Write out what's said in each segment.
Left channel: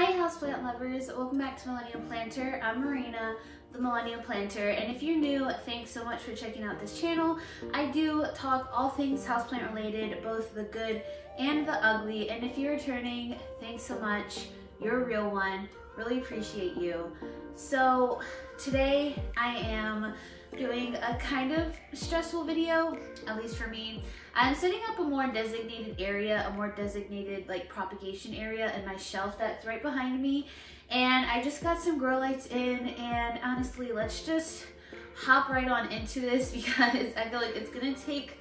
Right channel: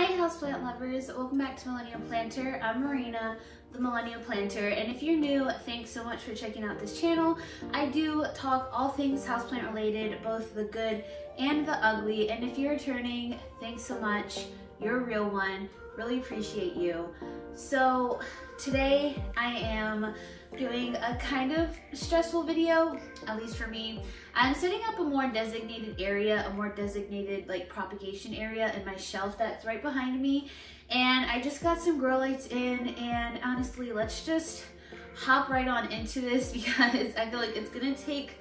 Hi houseplant lovers, welcome back to Millennial Planter. I'm Marina, the Millennial Planter, and if you're new, thanks so much for checking out this channel. I do talk all things houseplant related, both the good and the ugly, and if you're returning, thanks so much. You're a real one, really appreciate you. So today I am doing a kind of stressful video, at least for me. I'm setting up a more designated area, a more designated like propagation area in my shelf that's right behind me. And I just got some grow lights in, and honestly, let's just hop right on into this because I feel like it's gonna take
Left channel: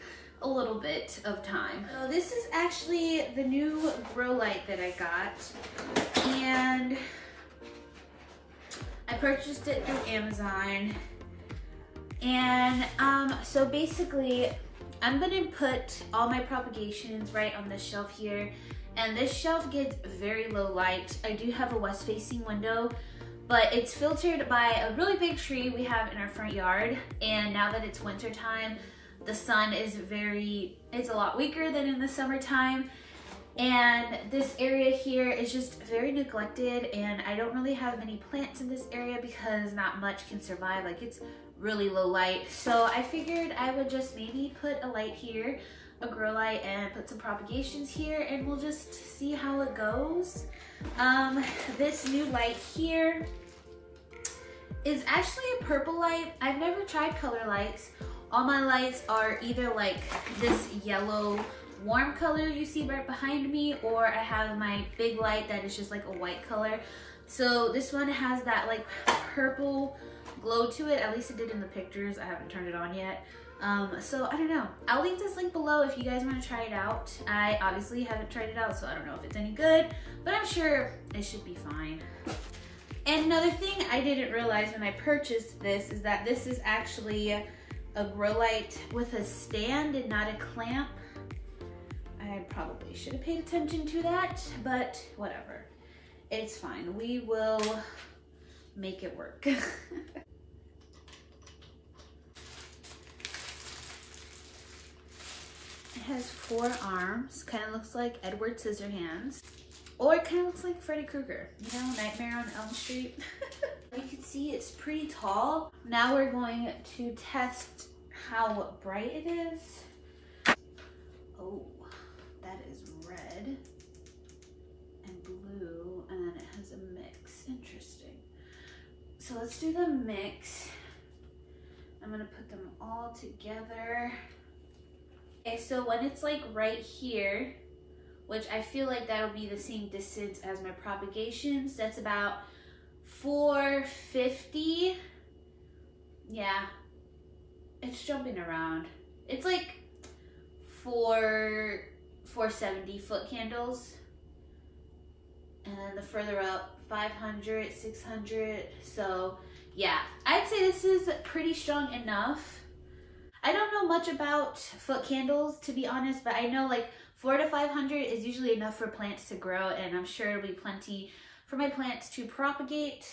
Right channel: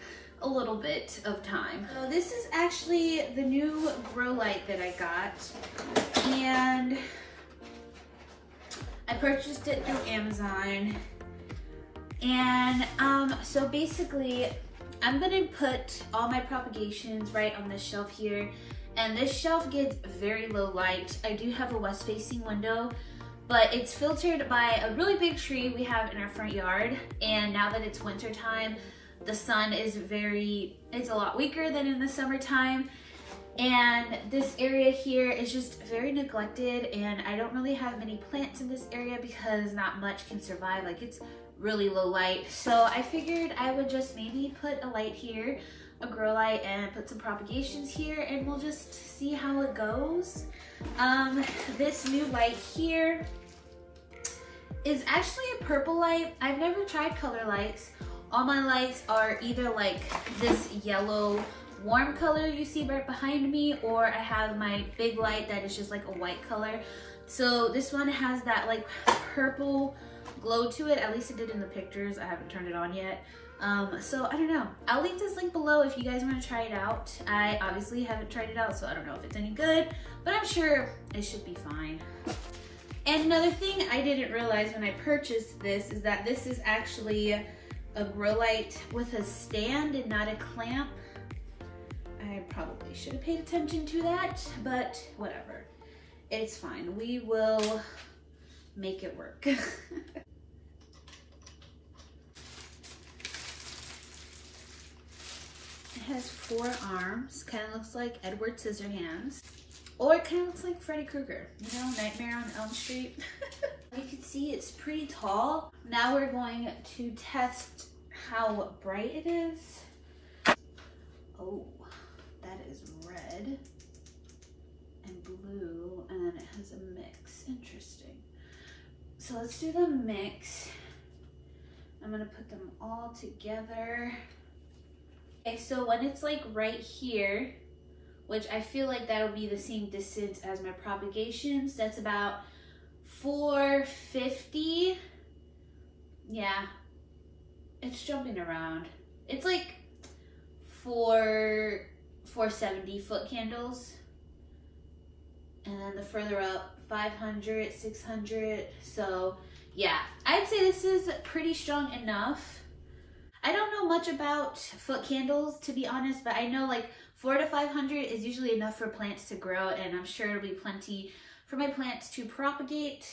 a little bit of time. So this is actually the new grow light that I got, and I purchased it through Amazon. And so basically I'm gonna put all my propagations right on this shelf here, and this shelf gets very low light. I do have a west facing window, but it's filtered by a really big tree we have in our front yard, and now that it's winter time, the sun is it's a lot weaker than in the summertime. And this area here is just very neglected, and I don't really have many plants in this area because not much can survive. Like, it's really low light. So I figured I would just maybe put a light here, a grow light, and put some propagations here, and we'll just see how it goes. This new light here is actually a purple light. I've never tried color lights. All my lights are either like this yellow warm color you see right behind me, or I have my big light that is just like a white color. So this one has that like purple glow to it, at least it did in the pictures. I haven't turned it on yet. So I don't know. I'll leave this link below if you guys want to try it out. I obviously haven't tried it out, so I don't know if it's any good, but I'm sure it should be fine. And another thing I didn't realize when I purchased this is that this is actually a grow light with a stand and not a clamp. I probably should have paid attention to that, but whatever. It's fine. We will make it work. It has 4 arms, kind of looks like Edward Scissorhands, or it kind of looks like Freddy Krueger, you know, Nightmare on Elm Street. You can see it's pretty tall. Now we're going to test how bright it is. Oh, that is red and blue, and then it has a mix. Interesting. So let's do the mix. I'm gonna put them all together. Okay, so when it's like right here, which I feel like that'll be the same distance as my propagations, that's about 450. Yeah, it's jumping around. It's like 470 foot candles. And then the further up, 500, 600. So yeah, I'd say this is pretty strong enough. I don't know much about foot candles, to be honest, but I know like 400 to 500 is usually enough for plants to grow, and I'm sure it'll be plenty for my plants to propagate.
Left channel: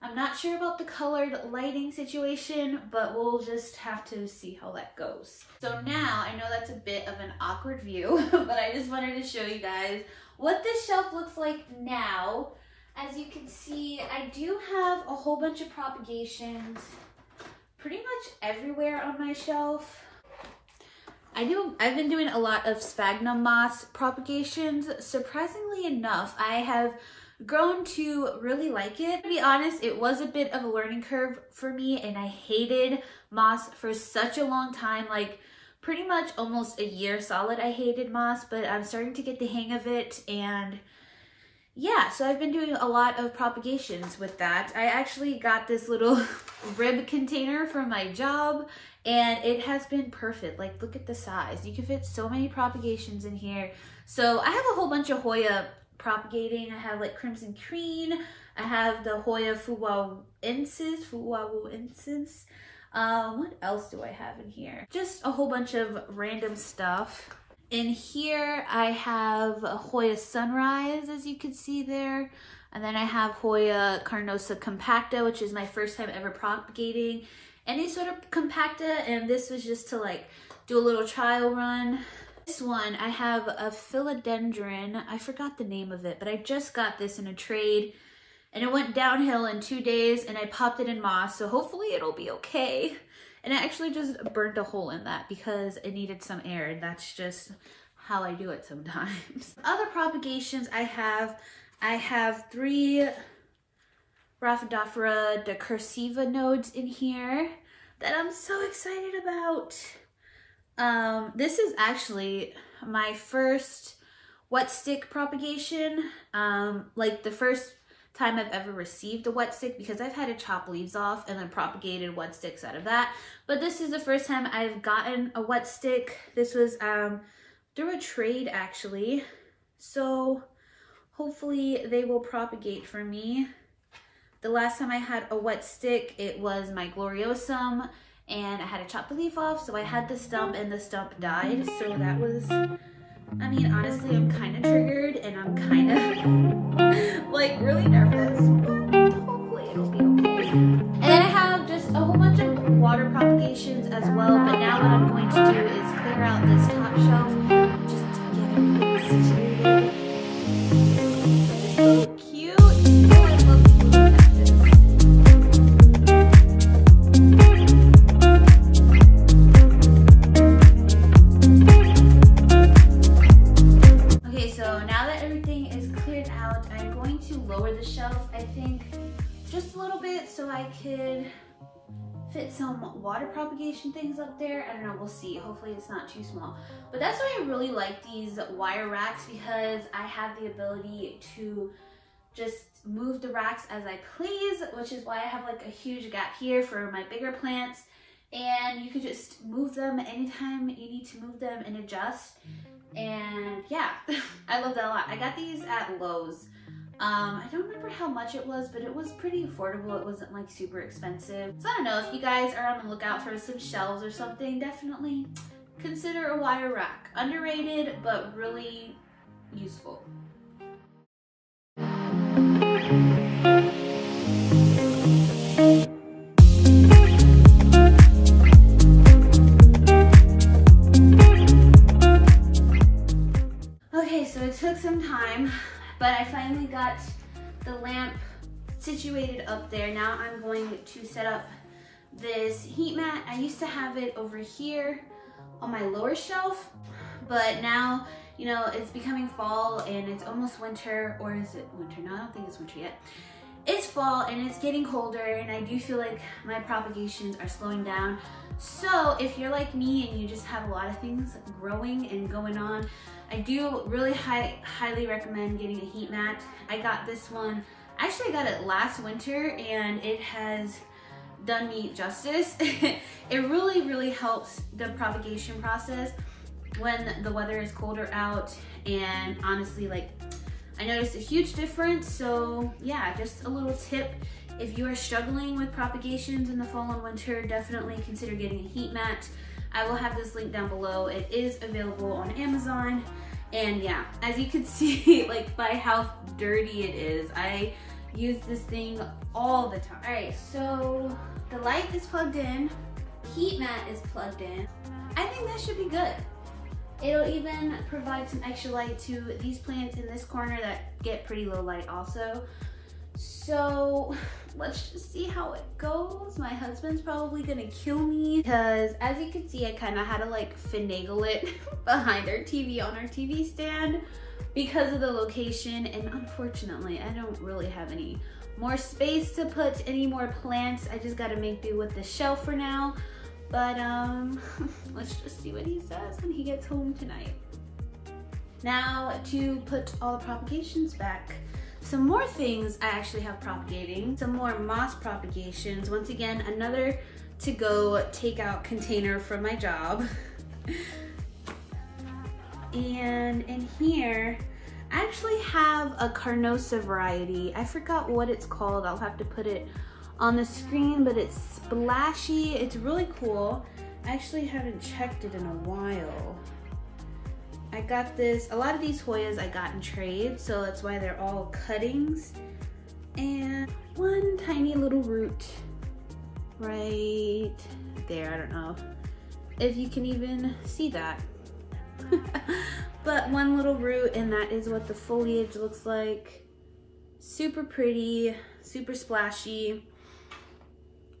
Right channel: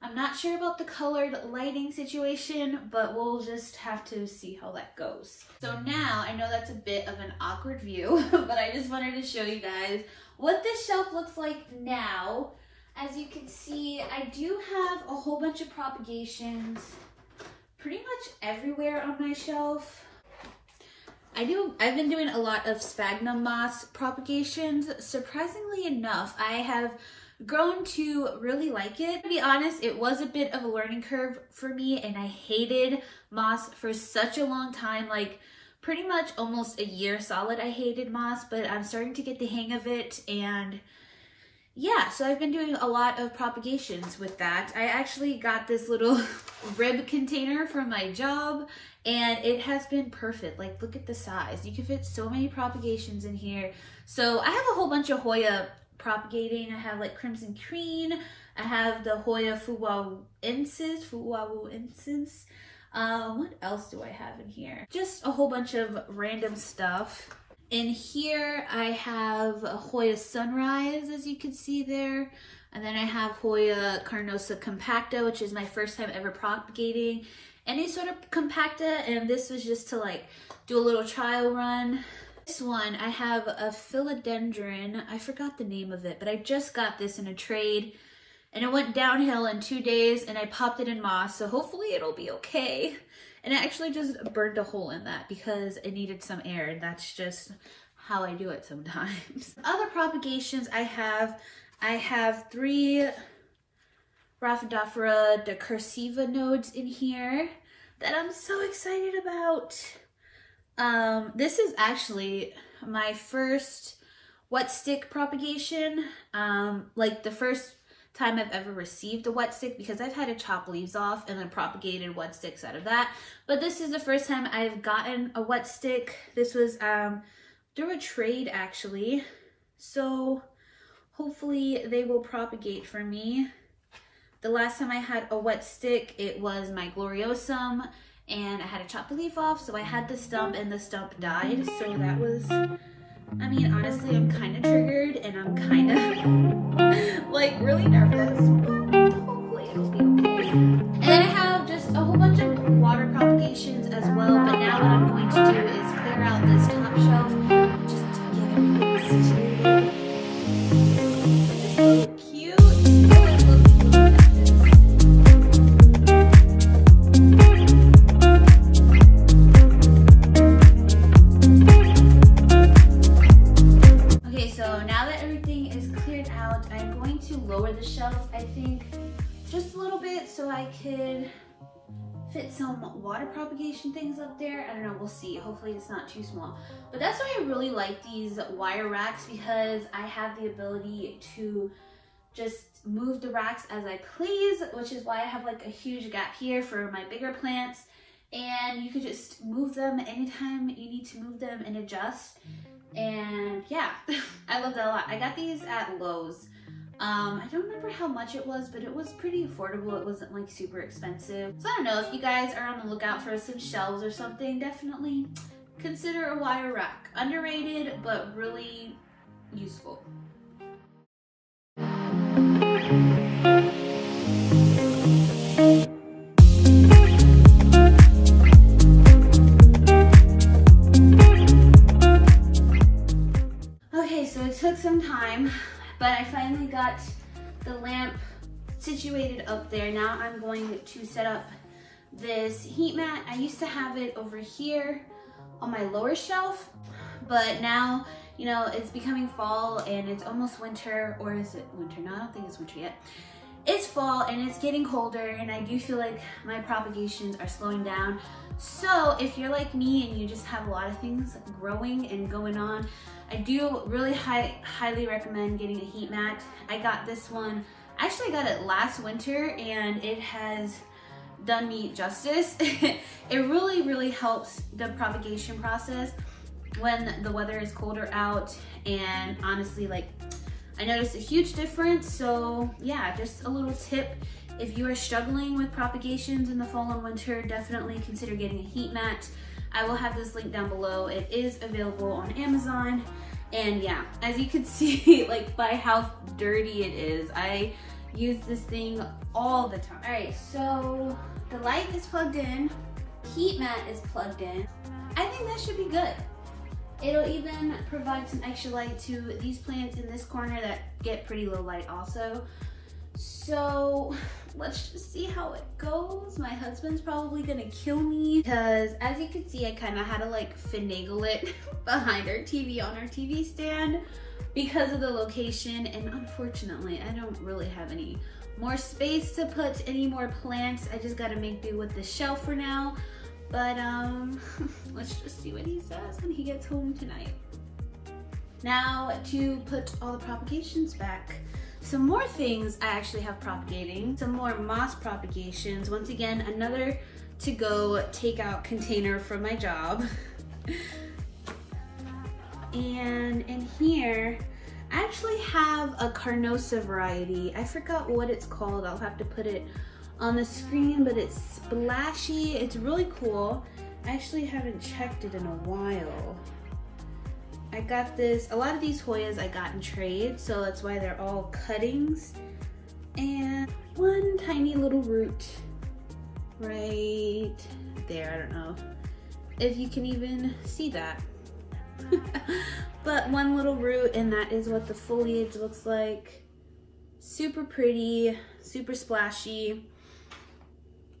I'm not sure about the colored lighting situation, but we'll just have to see how that goes. So now, I know that's a bit of an awkward view, but I just wanted to show you guys what this shelf looks like now. As you can see, I do have a whole bunch of propagations pretty much everywhere on my shelf. I've been doing a lot of sphagnum moss propagations. Surprisingly enough, I have grown to really like it. To be honest, it was a bit of a learning curve for me, and I hated moss for such a long time, like pretty much almost a year solid I hated moss, but I'm starting to get the hang of it. And yeah, so I've been doing a lot of propagations with that. I actually got this little rib container from my job, and it has been perfect. Like, look at the size. You can fit so many propagations in here. So I have a whole bunch of Hoya propagating. I have like Crimson Cream. I have the Hoya Fuwawensis. What else do I have in here? Just a whole bunch of random stuff. In here, I have a Hoya Sunrise, as you can see there. And then I have Hoya Carnosa Compacta, which is my first time ever propagating any sort of compacta. And this was just to like do a little trial run. This one, I have a philodendron. I forgot the name of it, but I just got this in a trade and it went downhill in 2 days and I popped it in moss. So hopefully it'll be okay. And I actually just burnt a hole in that because it needed some air. And that's just how I do it sometimes. Other propagations I have 3 Rhaphidophora decursiva nodes in here that I'm so excited about. This is actually my first wet stick propagation, like the first time I've ever received a wet stick, because I've had to chop leaves off and then propagated wet sticks out of that. But this is the first time I've gotten a wet stick. This was through a trade actually. So hopefully they will propagate for me. The last time I had a wet stick, it was my gloriosum, and I had to chop the leaf off, so I had the stump and the stump died. So that was, I mean, honestly, I'm kind of triggered and I'm kind of like really nervous. Hopefully it'll be okay. And I have just a whole bunch of water propagations as well, but now what I'm going to do is clear out this top shelf just to get everything situated. So cute. I think just a little bit so I could fit some water propagation things up there. I don't know, we'll see. Hopefully it's not too small. But that's why I really like these wire racks, because I have the ability to just move the racks as I please, which is why I have like a huge gap here for my bigger plants. And you can just move them anytime you need to move them and adjust. And yeah, I love that a lot. I got these at Lowe's. I don't remember how much it was, but it was pretty affordable. It wasn't like super expensive. So I don't know, if you guys are on the lookout for some shelves or something, definitely consider a wire rack. Underrated, but really useful. Okay, so it took some time, but I finally got the lamp situated up there. Now I'm going to set up this heat mat. I used to have it over here on my lower shelf, but now, you know, it's becoming fall and it's almost winter, or is it winter? No, I don't think it's winter yet. It's fall and it's getting colder, and I do feel like my propagations are slowing down. So if you're like me and you just have a lot of things growing and going on, I do really highly recommend getting a heat mat. I got this one, actually I got it last winter, and it has done me justice. It really helps the propagation process when the weather is colder out, and honestly, like, I noticed a huge difference. So yeah, just a little tip. If you are struggling with propagations in the fall and winter, definitely consider getting a heat mat. I will have this link down below. It is available on Amazon. And yeah, as you can see, like, by how dirty it is, I use this thing all the time. All right, so the light is plugged in, heat mat is plugged in. I think that should be good. It'll even provide some extra light to these plants in this corner that get pretty low light also. So let's just see how it goes. My husband's probably gonna kill me because, as you can see, I kind of had to like finagle it behind our TV on our TV stand because of the location, and unfortunately I don't really have any more space to put any more plants. I just gotta make do with the shelf for now. But let's just see what he says when he gets home tonight. Now to put all the propagations back. Some more things I actually have propagating. Some more moss propagations. Once again, another to-go takeout container from my job. And in here, I actually have a Carnosa variety. I forgot what it's called. I'll have to put it on the screen, but it's splashy. It's really cool. I actually haven't checked it in a while. I got this, a lot of these Hoyas I got in trade, so that's why they're all cuttings. And one tiny little root right there. I don't know if you can even see that. But one little root, and that is what the foliage looks like. Super pretty, super splashy.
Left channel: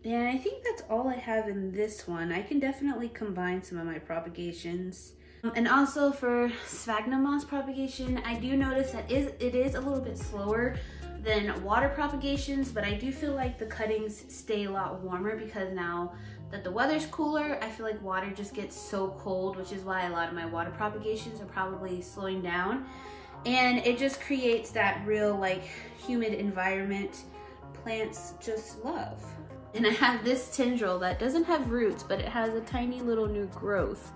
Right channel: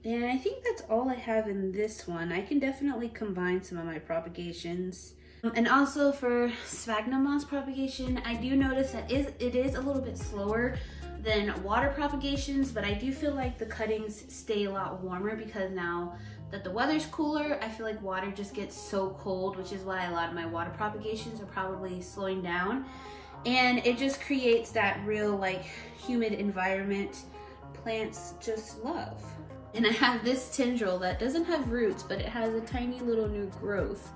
And I think that's all I have in this one. I can definitely combine some of my propagations. And also for sphagnum moss propagation, I do notice that it is a little bit slower than water propagations, but I do feel like the cuttings stay a lot warmer because now that the weather's cooler, I feel like water just gets so cold, which is why a lot of my water propagations are probably slowing down. And it just creates that real like humid environment plants just love. And I have this tendril that doesn't have roots, but it has a tiny little new growth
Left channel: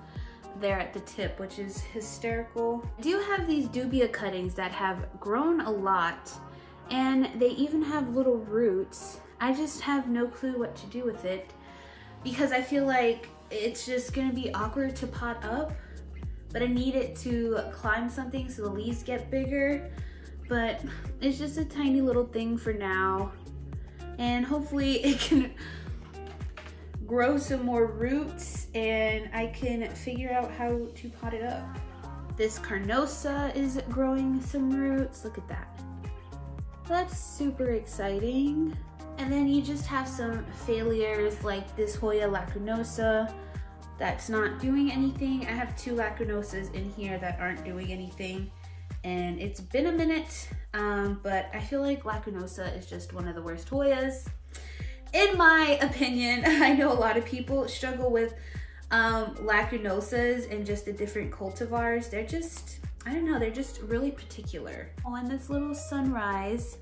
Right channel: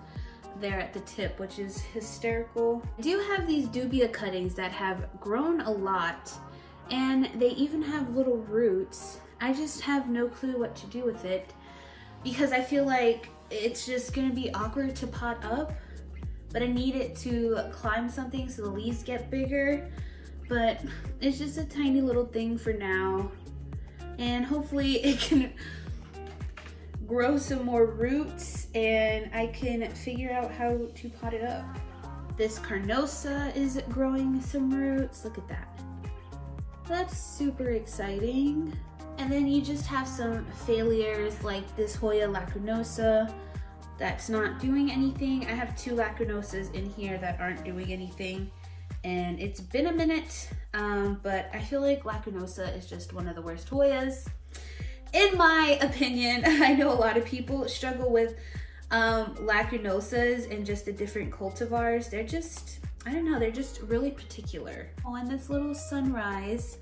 there at the tip, which is hysterical. I do have these dubia cuttings that have grown a lot, and they even have little roots. I just have no clue what to do with it because I feel like it's just gonna be awkward to pot up, but I need it to climb something so the leaves get bigger. But it's just a tiny little thing for now, and hopefully it can grow some more roots and I can figure out how to pot it up. This carnosa is growing some roots. Look at that. That's super exciting. And then you just have some failures like this Hoya lacunosa that's not doing anything. I have 2 lacunosas in here that aren't doing anything, and it's been a minute, but I feel like lacunosa is just one of the worst Hoyas. In my opinion, I know a lot of people struggle with lacunosas and just the different cultivars. They're just, I don't know, they're just really particular. Oh, and this little sunrise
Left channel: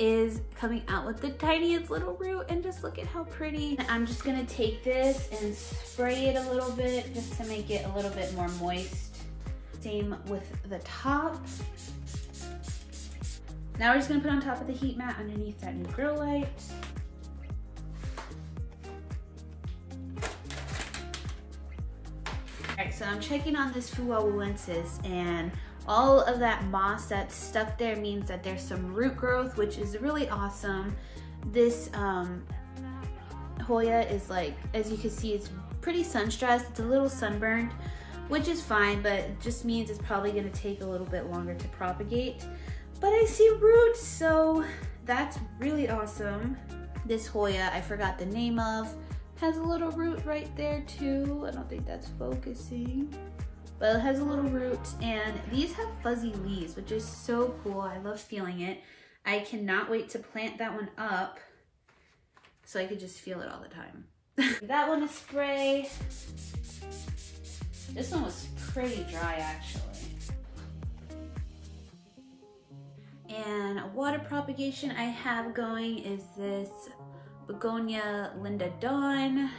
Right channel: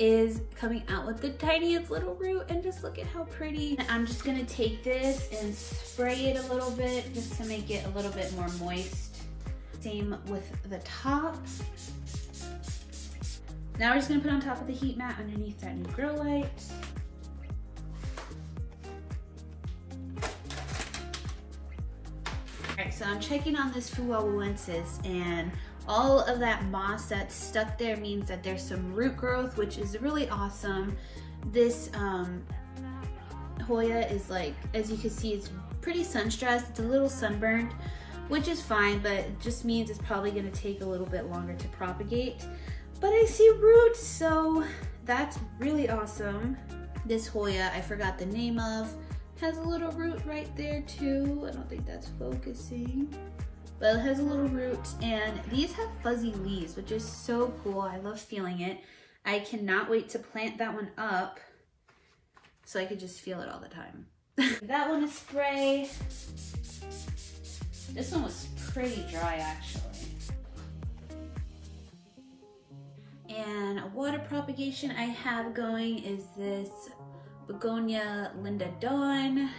is coming out with the tiniest little root, and just look at how pretty. I'm just gonna take this and spray it a little bit just to make it a little bit more moist. Same with the top. Now we're just gonna put on top of the heat mat underneath that new grow light. Alright, so I'm checking on this Fuwawensis, and all of that moss that's stuck there means that there's some root growth, which is really awesome. This Hoya is like, as you can see, it's pretty sun stressed. It's a little sunburned, which is fine, but it just means it's probably gonna take a little bit longer to propagate. But I see roots, so that's really awesome. This Hoya, I forgot the name of, has a little root right there too. I don't think that's focusing. But it has a little root, and these have fuzzy leaves, which is so cool. I love feeling it. I cannot wait to plant that one up so I could just feel it all the time. That one is spray. This one was pretty dry actually. And a water propagation I have going is this Begonia Linda Dawn.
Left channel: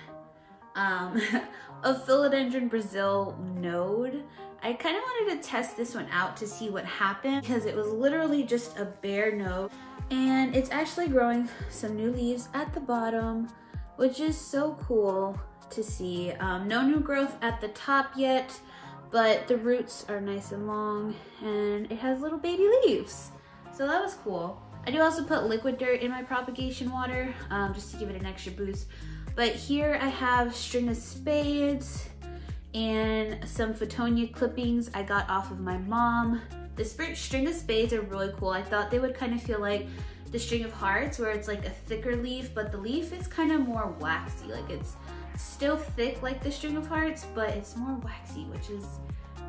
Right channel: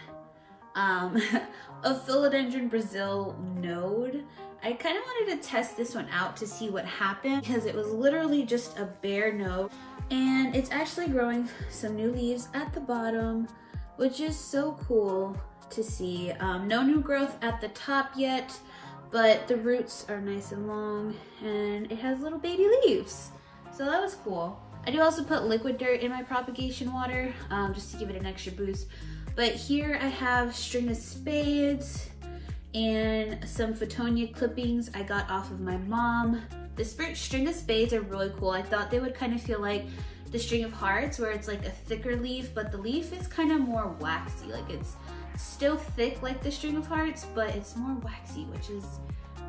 A Philodendron Brazil node. I kind of wanted to test this one out to see what happened because it was literally just a bare node, and it's actually growing some new leaves at the bottom, which is so cool to see. No new growth at the top yet, but the roots are nice and long, and it has little baby leaves. So that was cool. I do also put liquid dirt in my propagation water just to give it an extra boost. But here I have string of spades and some Photonia clippings I got off of my mom. The string of spades are really cool. I thought they would kind of feel like the string of hearts, where it's like a thicker leaf, but the leaf is kind of more waxy. Like it's still thick like the string of hearts, but it's more waxy, which is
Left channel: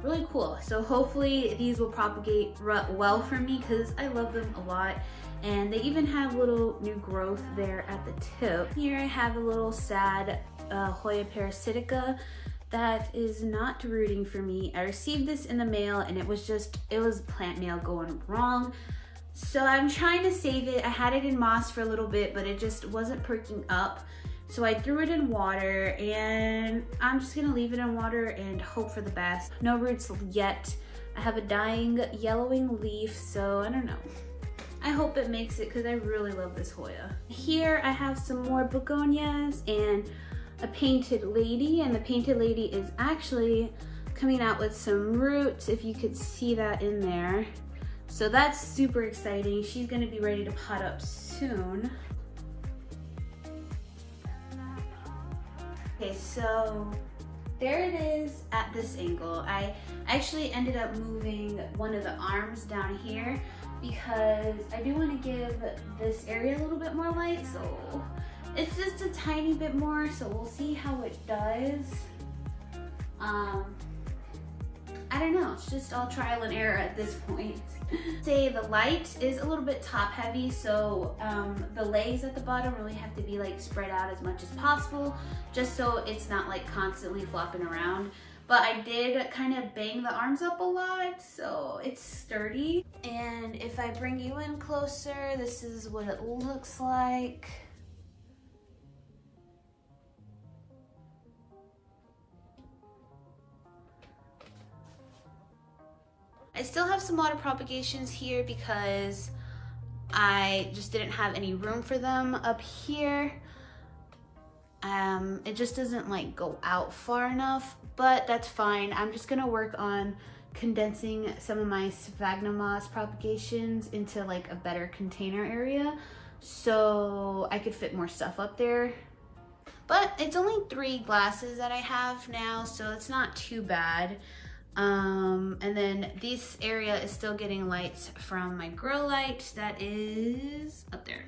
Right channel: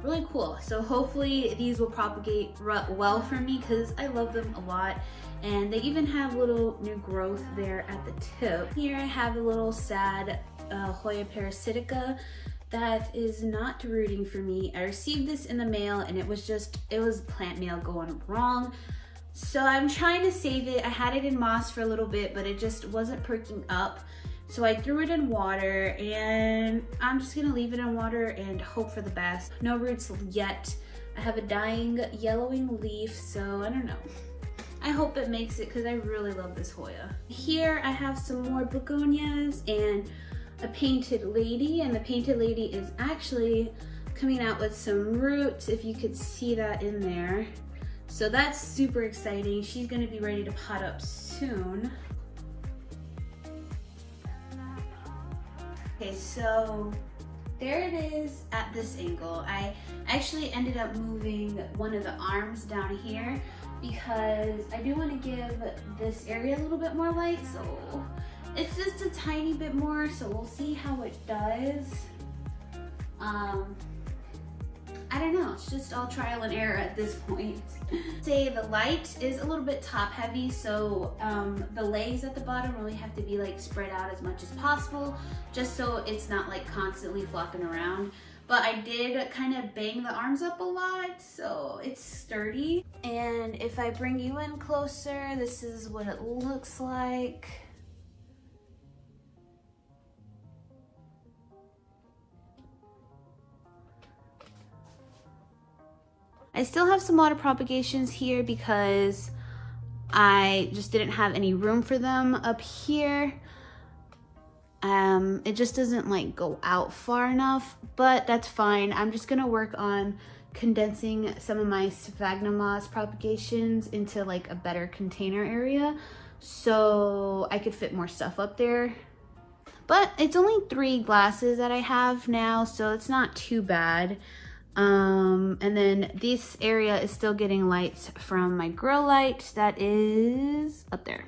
really cool. So hopefully these will propagate well for me because I love them a lot. And they even have little new growth there at the tip. Here I have a little sad Hoya parasitica that is not rooting for me. I received this in the mail, and it was plant mail going wrong. So I'm trying to save it. I had it in moss for a little bit, but it just wasn't perking up. So I threw it in water, and I'm just gonna leave it in water and hope for the best. No roots yet. I have a dying yellowing leaf, so I don't know. I hope it makes it because I really love this Hoya. Here I have some more begonias and a painted lady, and the painted lady is actually coming out with some roots, if you could see that in there. So that's super exciting. She's gonna be ready to pot up soon. Okay, so there it is at this angle. I actually ended up moving one of the arms down here because I do want to give this area a little bit more light, so it's just a tiny bit more, so we'll see how it does. I don't know, it's just all trial and error at this point. Say the light is a little bit top heavy, so the legs at the bottom really have to be like spread out as much as possible, just so it's not like constantly flopping around. But I did kind of bang the arms up a lot, so it's sturdy. And if I bring you in closer, this is what it looks like. I still have some water propagations here because I just didn't have any room for them up here. It just doesn't like go out far enough, but that's fine. I'm just gonna work on condensing some of my sphagnum moss propagations into like a better container area so I could fit more stuff up there. But it's only 3 glasses that I have now, so it's not too bad. And then this area is still getting lights from my grow light that is up there.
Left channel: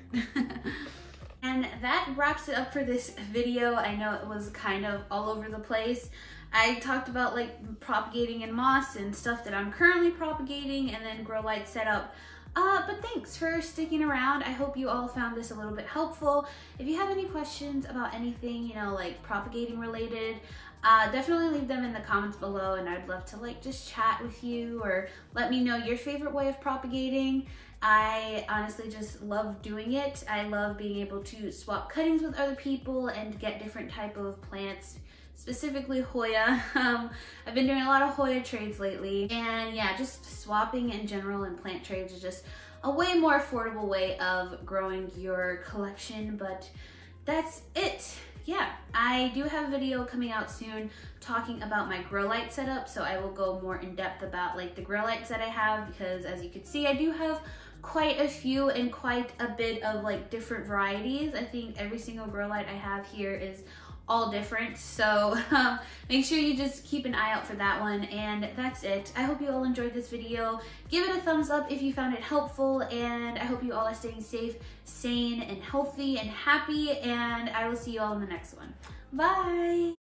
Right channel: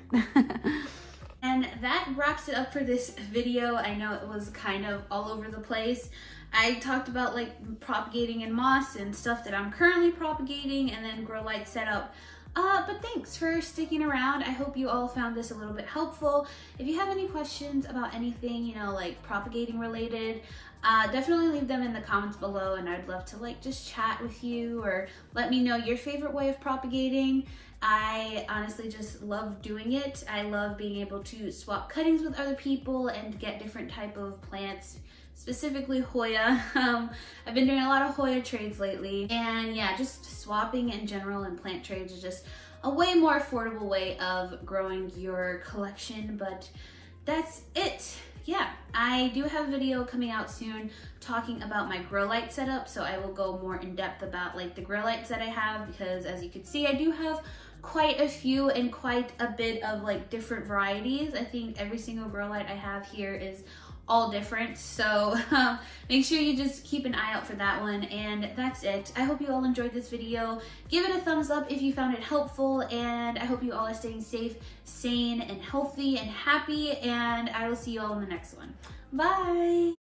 And that wraps it up for this video. I know it was kind of all over the place. I talked about like propagating in moss and stuff that I'm currently propagating, and then grow light setup. But thanks for sticking around. I hope you all found this a little bit helpful. If you have any questions about anything, you know, like propagating related, definitely leave them in the comments below, and I'd love to like just chat with you or let me know your favorite way of propagating. I honestly just love doing it. I love being able to swap cuttings with other people and get different type of plants, specifically Hoya. I've been doing a lot of Hoya trades lately, and yeah, just swapping in general and plant trades is just a way more affordable way of growing your collection. But that's it. Yeah, I do have a video coming out soon talking about my grow light setup, so I will go more in depth about like the grow lights that I have, because as you can see, I do have quite a few and quite a bit of like different varieties. I think every single grow light I have here is all different, so make sure you just keep an eye out for that one. And that's it. I hope you all enjoyed this video. Give it a thumbs up if you found it helpful, and I hope you all are staying safe, sane, and healthy and happy, and I will see you all in the next one. Bye.